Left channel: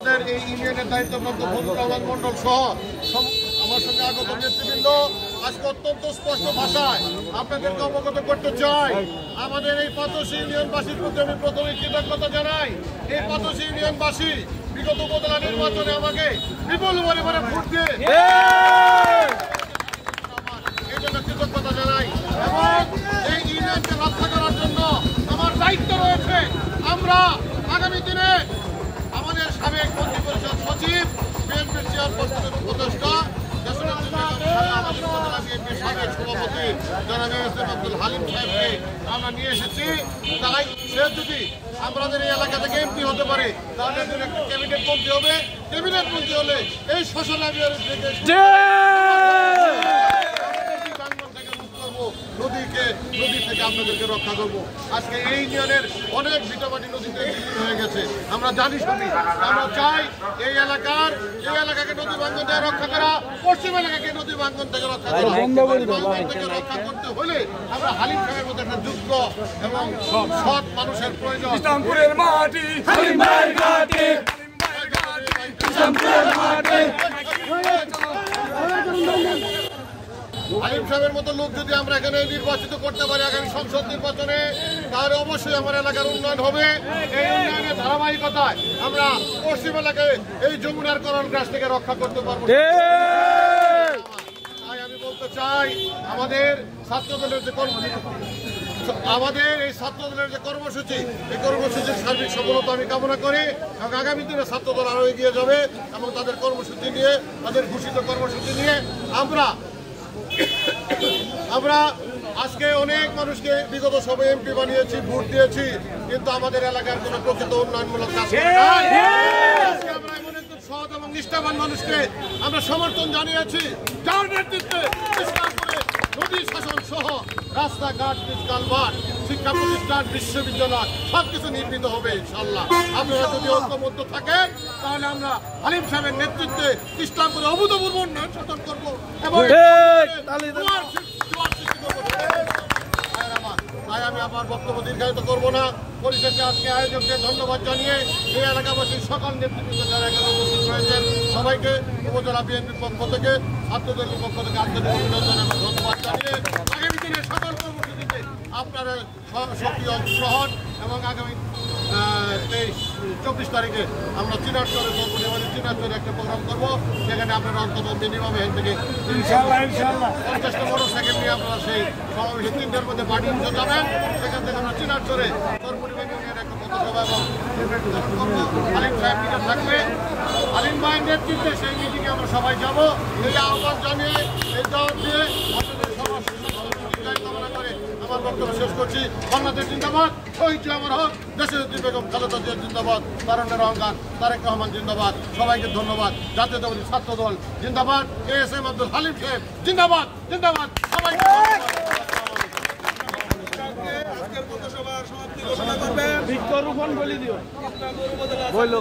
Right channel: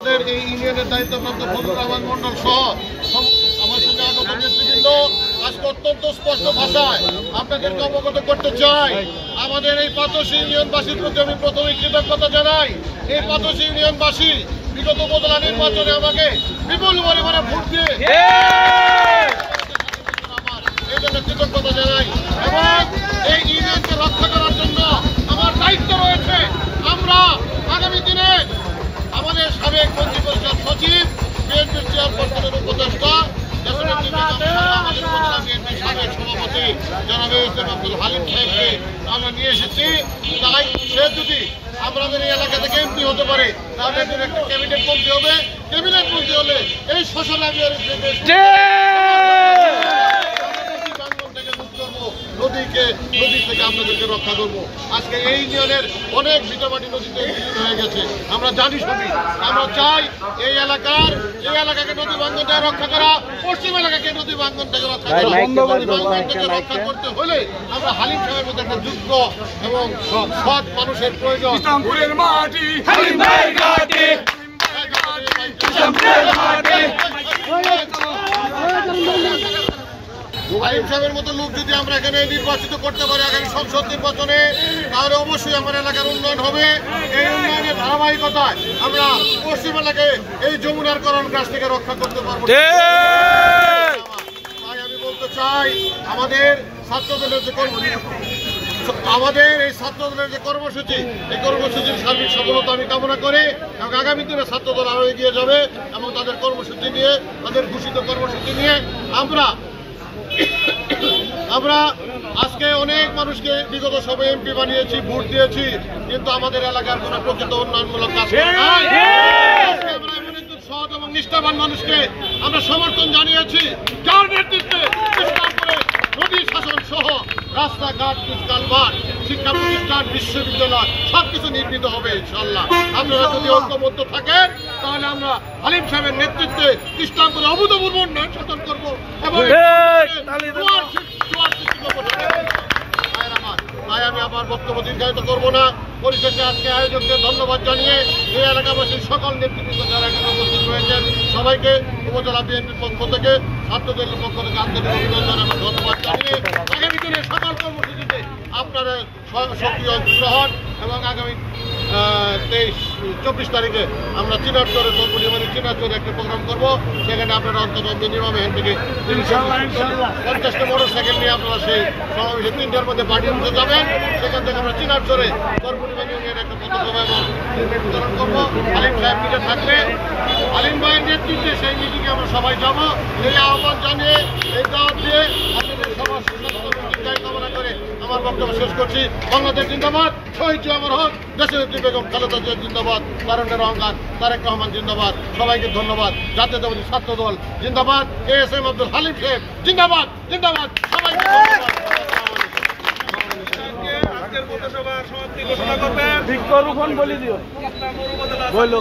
এই ইউনিয়নের দায়িত্বপ্রাপ্ত ফজলুর রহমান মন্ডল সহ আমার সঙ্গে আগত নেতৃবৃন্দ আজকে অত্যন্ত স্পষ্ট ভাষায় আপনাদেরকে অবগত করতে চাই। আমাদের এই পাতশী ইউনিয়নবাসীর প্রতি আমি প্রথমে কৃতজ্ঞতা জানাই। এই পাতশী ইউনিয়নবাসী বিগত উপজেলা নির্বাচনে আমাকে বিপুল পরিমাণে ভোট দিয়ে এই জন্য কৃতজ্ঞতা জানাই এবং এই ইউনিয়নকে রক্ষা করার জন্য আমার দায়িত্ব রয়েছে। আমরা আগামী দিনে আমাদের সাবেক মন্ত্রী পরিষদ সচিব, বিএনপির চেয়ারপারসনের উপদেষ্টা, আমাদের উপজেলা বিএনপির সাবেক সভাপতি জনাব এস.এম. আব্দুল হালিম সাহেবকে আমরা নিয়ে এসেছি। তাই সে যদি আমাদের এই এলাকা থেকে এমপি হতে পারে তাহলে একটা ক্যাবিনেট মন্ত্রী হবে। ক্যাবিনেট মন্ত্রী হলে এই সোশ্যাল নদী থেকে আপনাদেরকে রক্ষা করবো। আজকে এই ইউনিয়নের অনেক ভিটামাটি নদীতে বিলীন হয়ে গেছে, আমরা জানি সবই। আমরা চাই এই এলাকাকে নদী ভাঙ্গন থেকে রক্ষা করা, পশ্চিম এলাকাকে নদী ভাঙ্গন থেকে রক্ষা করা। নদী ভাঙ্গন থেকে রক্ষা করতে হলে আমরা হালিম সাহেবের মধ্যে একটা যোগ্য এবং সৎ মানুষের প্রয়োজন। হালিম সাহেবের মতো লোক যদি আমরা এখানে নির্বাচিত করতে পারি আগামী সংসদ নির্বাচনে, তাহলে অবশ্যই আমার এলাকার উন্নয়ন হবে। এই উন্নয়নের ধারাবাহিকতায় আমরা পশ্চিম এলাকায় এই যমুনার করণ গাছ থেকে রক্ষা করতে পারবো। তাই আমি বলতে চাই আমাদের ছাত্রদলের যে কর্মসূচি, এই কর্মসূচির সার্বিক সফলতা আমি কামনা করি এবং আগামী দিনে ছাত্রদল আরো এগিয়ে যাবে এবং তাদের কর্মসূচি নিয়ে, তাদের ঘোষিত কর্মসূচি নিয়ে আমরা আজকে অনেক মানুষকে বিগত সভায় এমপি বানিয়েছি, ভোট দিয়েছি, কিন্তু আমাদের এলাকার কোনো প্রকৃত উন্নয়নমূলক কাজ করে নাই। আমরা এমন একজন সৎ এবং নিষ্ঠাবান মানুষকে আমরা সমর্থন জানিয়েছি, যার নেতৃত্বে নদী শাসন সহ রাস্তাঘাট, কালভার্ট, শিক্ষা প্রতিষ্ঠান, বিশ্ববিদ্যালয় সবকিছু নির্মিত হবে ইনশাআল্লাহ। আপনারা যদি ঐক্যবদ্ধ থাকেন তাহলে আমরা হালিম সাহেবের নেতৃত্বে ইসলামপুরে অভূতপূর্ব উন্নয়ন সাধন করবো এবং তাই আমি আমার বক্তব্য দীর্ঘায়িত করবো না। পরিশেষে আজকে আয়োজকদের ধন্যবাদ জানিয়ে এই এলাকাবাসীর সকল নেতৃবৃন্দ যারা এখানে উপস্থিত রয়েছেন সবাইকে উপজেলা বিএনপির পক্ষ থেকে, ছাত্রদলের পক্ষ থেকে আন্তরিক অভিনন্দন এবং ধন্যবাদ জানিয়ে আগামী দিনে সকল কর্মসূচিতে আপনারা সক্রিয় অংশগ্রহণ এবং আগামী 24 তারিখে আমরা চিনারচরে সর্বনির্বাণী চিনারচরে একটা প্রোগ্রাম করবো। সেখানে আপনারা অন্তত মিনিমাম এখান থেকে 50টা মোটরসাইকেল নিয়ে আপনারা সেই সমাবেশে 3টার মধ্যে পার্টি উঠে যাবেন। সেখান থেকে আমরা চিনারচরে সর্বনির্বাণী ইউনিয়নের একটা পথসভা এবং বিতরণ করবো। হালিম সাহেব মিটে থাকবে, হালিম ভাইয়ের নেতৃত্বে সেই মিটিংয়ে আমরা সবাই যাবো। এই আহ্বান জানিয়ে, এই দাওয়াত দিয়ে আপনাদের সবার সুস্বাস্থ্য কামনা করে আমার বক্তব্য শেষ করছি। বাংলাদেশ জিন্দাবাদ, শহীদ আমার হক, দেশনেত্রী বেগম খালেদা জিয়া জিন্দাবাদ, তারুণ্যের অহংকার তারেক রহমান জিন্দাবাদ। সবাইকে ধন্যবাদ। জাতীয়তাবাদী ছাত্রদল জিন্দাবাদ, এস.এম. আব্দুল হালিম সাহেব জিন্দাবাদ, জিন্দাবাদ। সবাইকে ধন্যবাদ। বৃক্ষরোপণ বলে দিও বললো